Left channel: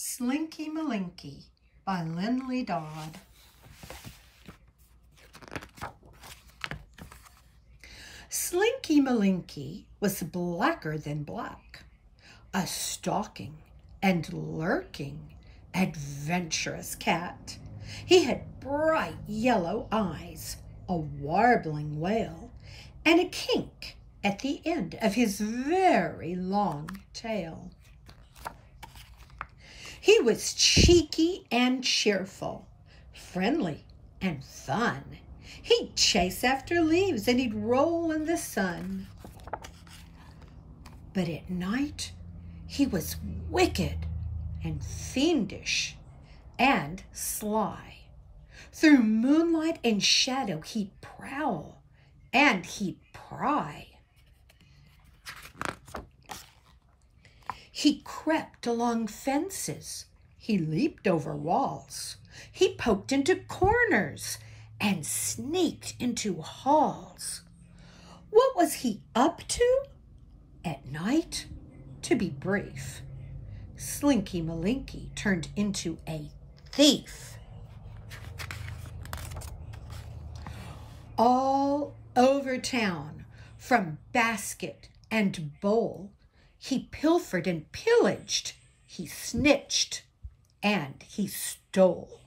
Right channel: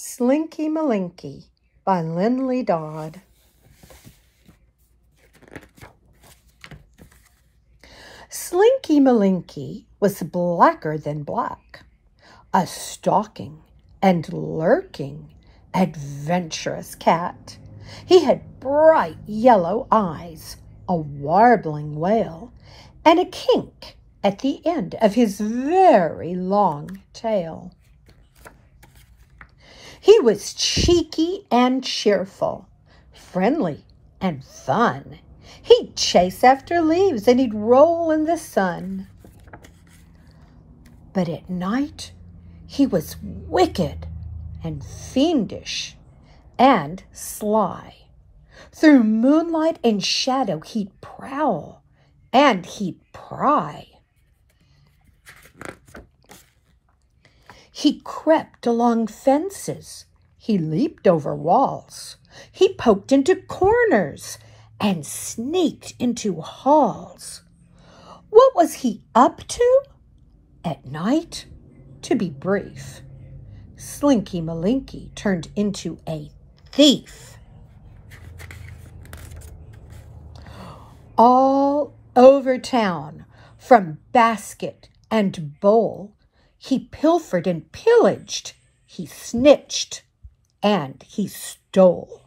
Slinky Malinky by Lindley Dodd. Slinky Malinky was blacker than black, a stalking and lurking, adventurous cat. He had bright yellow eyes, a warbling wail, and a kink at the end of his very long tail. He was cheeky and cheerful, friendly and fun. He'd chase after leaves and he'd roll in the sun. But at night, he was wicked and fiendish and sly. Through moonlight and shadow, he'd prowl and he'd pry. He crept along fences. He leaped over walls. He poked into corners and sneaked into halls. What was he up to? At night, to be brief, Slinky Malinky turned into a thief. All over town, from basket and bowl, he pilfered and pillaged, he snitched, and he stole.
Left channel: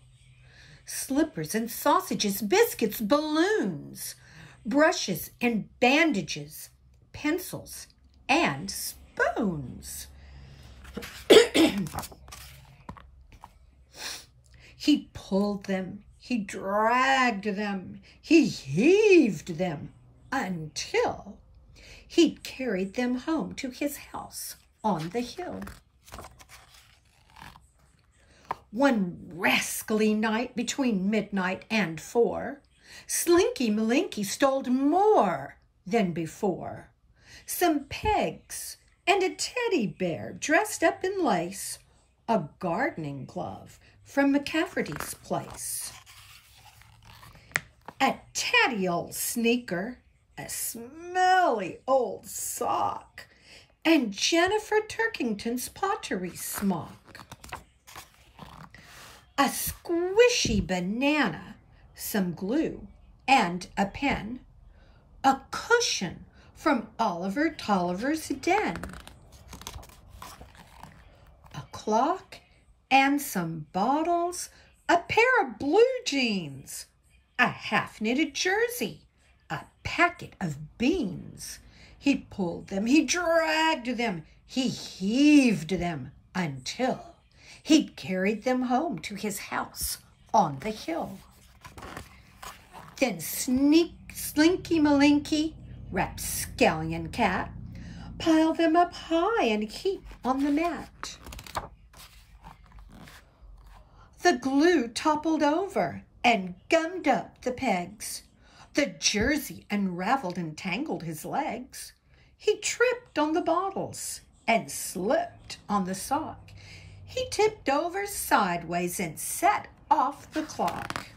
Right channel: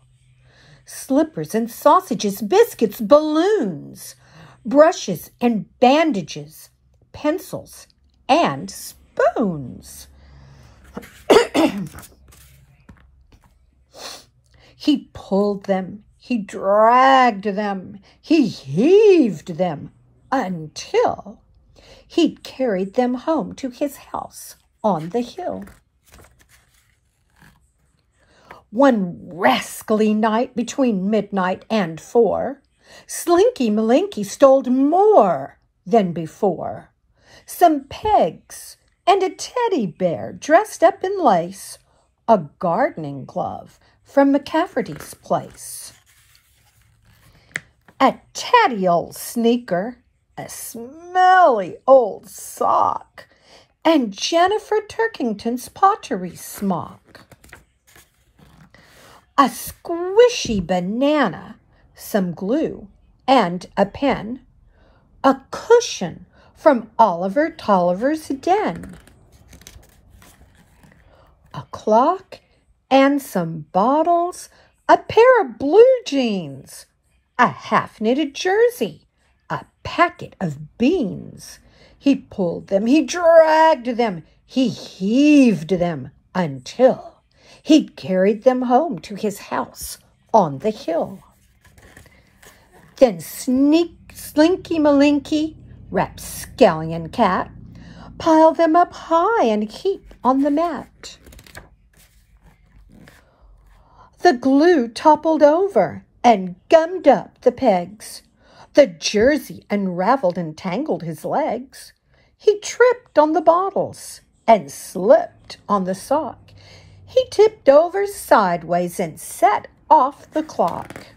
Slippers and sausages, biscuits, balloons, brushes and bandages, pencils and spoons. He pulled them, he dragged them, he heaved them until he'd carried them home to his house on the hill. One rascally night between midnight and 4, Slinky Malinky stole more than before. Some pegs and a teddy bear dressed up in lace, a gardening glove from McCafferty's place, a tatty old sneaker, a smelly old sock, and Jennifer Turkington's pottery smock. A squishy banana, some glue, and a pen, a cushion from Oliver Tolliver's den, a clock and some bottles, a pair of blue jeans, a half-knitted jersey, a packet of beans. He pulled them, he dragged them, he heaved them until he'd carried them home to his house on the hill. Then Slinky Malinky, rapscallion cat, piled them up high and heap on the mat. The glue toppled over and gummed up the pegs. The jersey unraveled and tangled his legs. He tripped on the bottles and slipped on the sock. He tipped over sideways and set off the clock.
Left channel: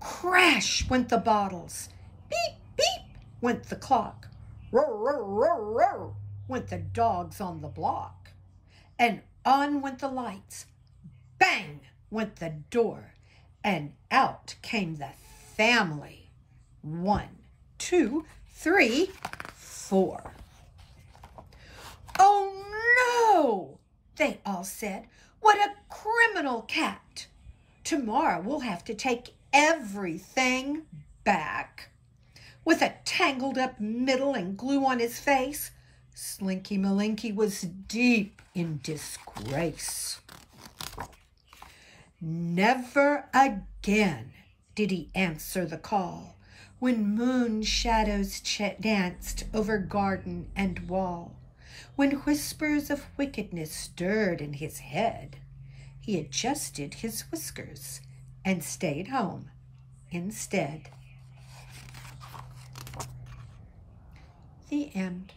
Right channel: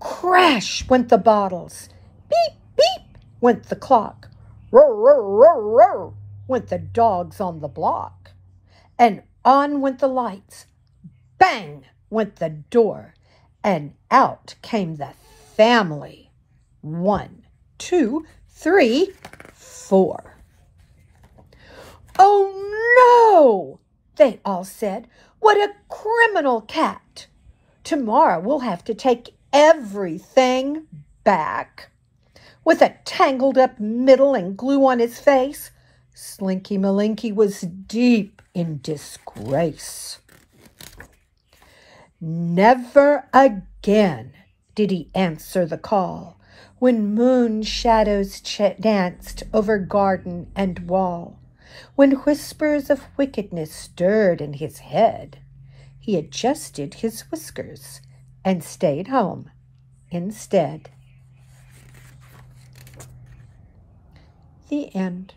Crash went the bottles. Beep, beep went the clock. Roar, roar, roar, roar went the dogs on the block. And on went the lights. Bang went the door. And out came the family. 1, 2, 3, 4. "Oh, no," they all said. "What a criminal cat. Tomorrow we'll have to take everything back." With a tangled up middle and glue on his face, Slinky Malinky was deep in disgrace. Never again did he answer the call when moon shadows danced over garden and wall. When whispers of wickedness stirred in his head, he adjusted his whiskers and stayed home instead. The end.